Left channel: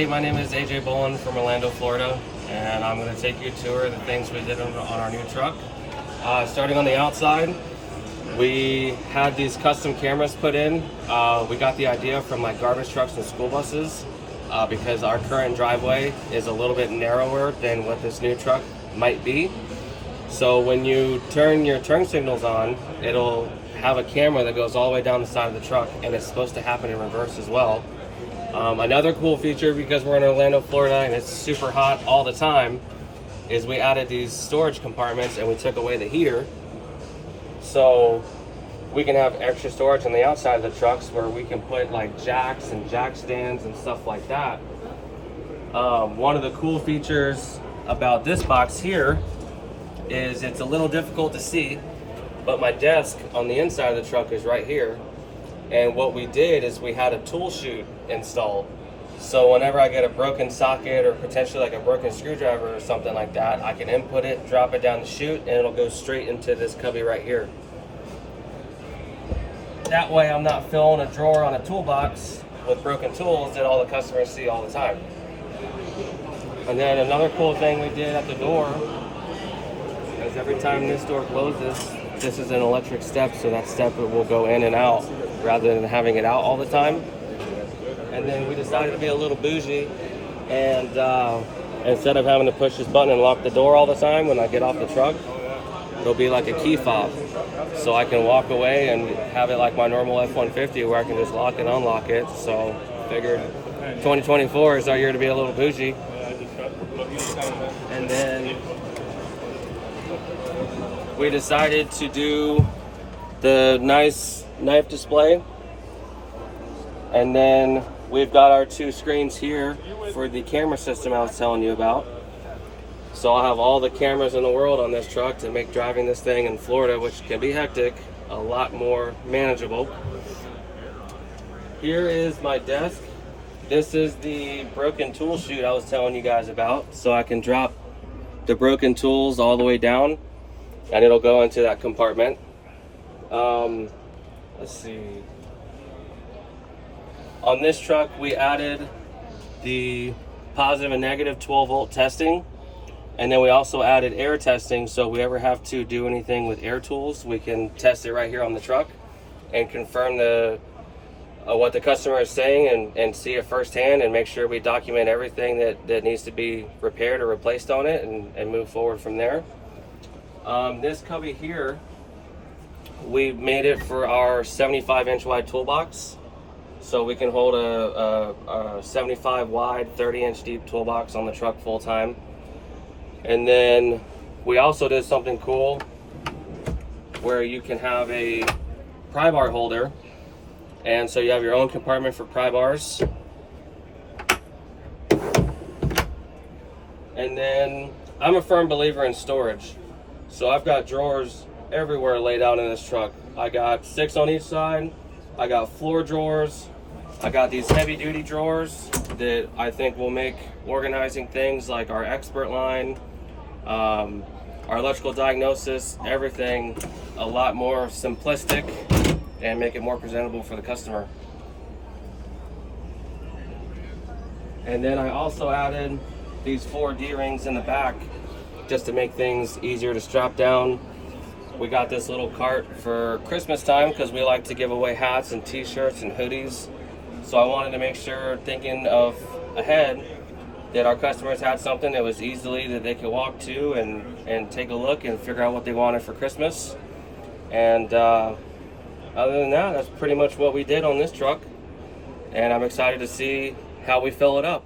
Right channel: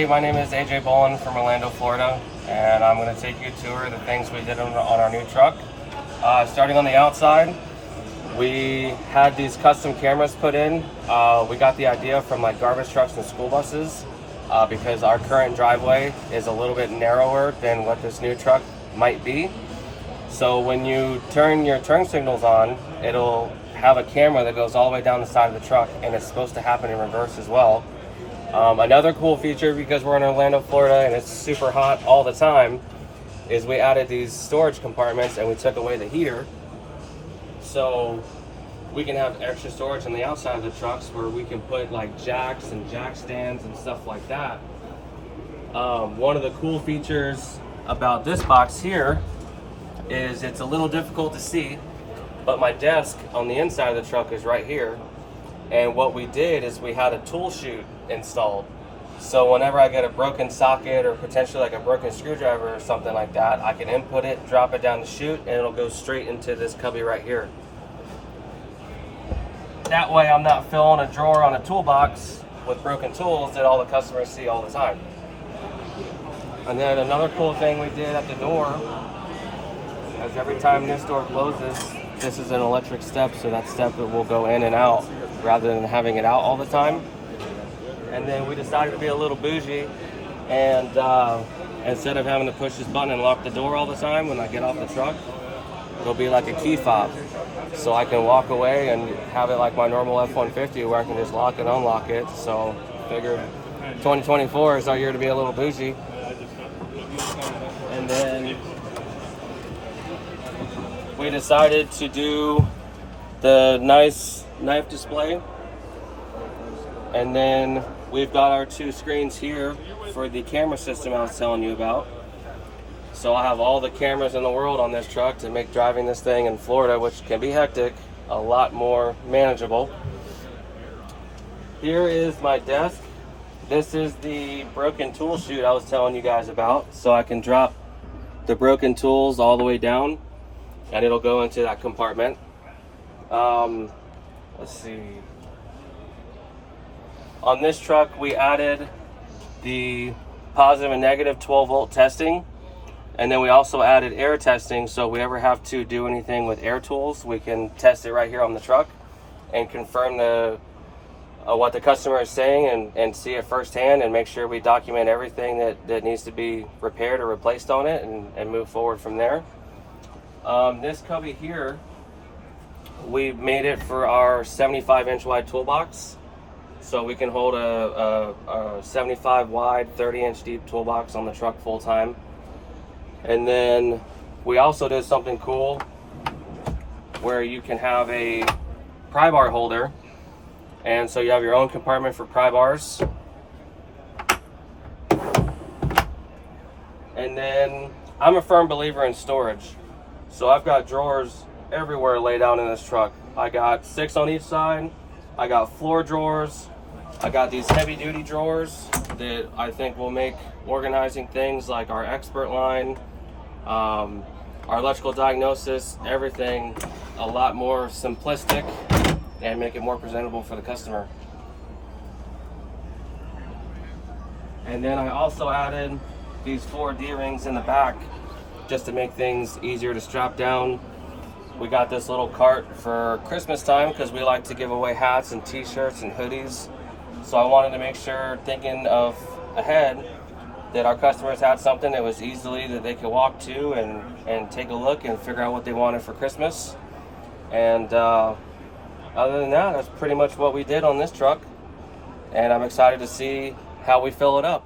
Hey, my name is AJ Bowlin from Orlando, Florida, and I'm going to take you a tour of the things we did on our new truck. Starting on the outside, we had these custom cameras put in. We got the idea from like garbage trucks and school buses because our current driveway is a little bit narrower than what this new truck might be. So when you turn your turn signals on, it'll have a camera that goes all the way down the side of the truck, and it's supposed to happen in reverse as well. Another cool feature, because we're in Orlando, Florida, and it's super hot all the time, is we added these storage compartments and we took away the heater. So we can have extra storage on the outside of the trucks where we can put like jacks and jack stands and stuff like that. One of the cool features about this box here is it's a little difficult to see, but my desk on the inside of the truck is right here. And what we did is we had a tool chute installed. So whenever I get a broken socket or potentially like a broken screwdriver or something like that, I can input it, drop it down the chute, and it'll go straight into this cubby right here. That way I'm not filling a drawer on a toolbox with broken tools that all the customers see all the time. And then another cool thing we did at the door is every time this door closes, this is an electric step, so that step will go in and out rather than having it out all the time. And then we decided to be a little bougie, and instead of having to push this button and lock the door all the time when I get off the truck, it'll be like a key fob. So I can walk away and have it like my normal F-150 where I can just lock and unlock it. So I figured 2024 is our year to be a little bougie. And then we decided to do the nice knife display, and then we've got our two screens here for the camera system I was telling you about. So I'll have all the cameras in the world on this truck to make driving this thing in Florida, which can be hectic, a lot more manageable. Here is my desk. This is the broken tool chute I was telling you guys about, so I can drop the broken tools all the way down and it'll go into that compartment. Let's see. On this truck, we added the positive and negative 12-volt testing, and then we also added air testing, so if we ever have to do anything with air tools, we can test it right here on the truck and confirm what the customer is saying and see it firsthand and make sure we document everything that needs to be repaired or replaced on it and move forward from there. This cubby here, we made it for our 75-inch wide toolbox. So we can hold a 75 wide, 30-inch deep toolbox on the truck full time. And then we also did something cool where you can have a pry bar holder. And so you have your own compartment for pry bars. And then I'm a firm believer in storage. So I've got drawers everywhere laid out in this truck. I got 6 on each side. I got floor drawers. I got these heavy duty drawers that I think will make organizing things like our expert line, our electrical diagnosis, everything a lot more simplistic and make it more presentable for the customer. And then I also added these 4 D-rings in the back just to make things easier to strap down. We got this little cart for Christmas time because we like to give away hats and t-shirts and hoodies. So I wanted to make sure, thinking of ahead, that our customers had something that was easily that they could walk to and take a look and figure out what they wanted for Christmas. And other than that, that's pretty much what we did on this truck. And I'm excited to see how we fill it up.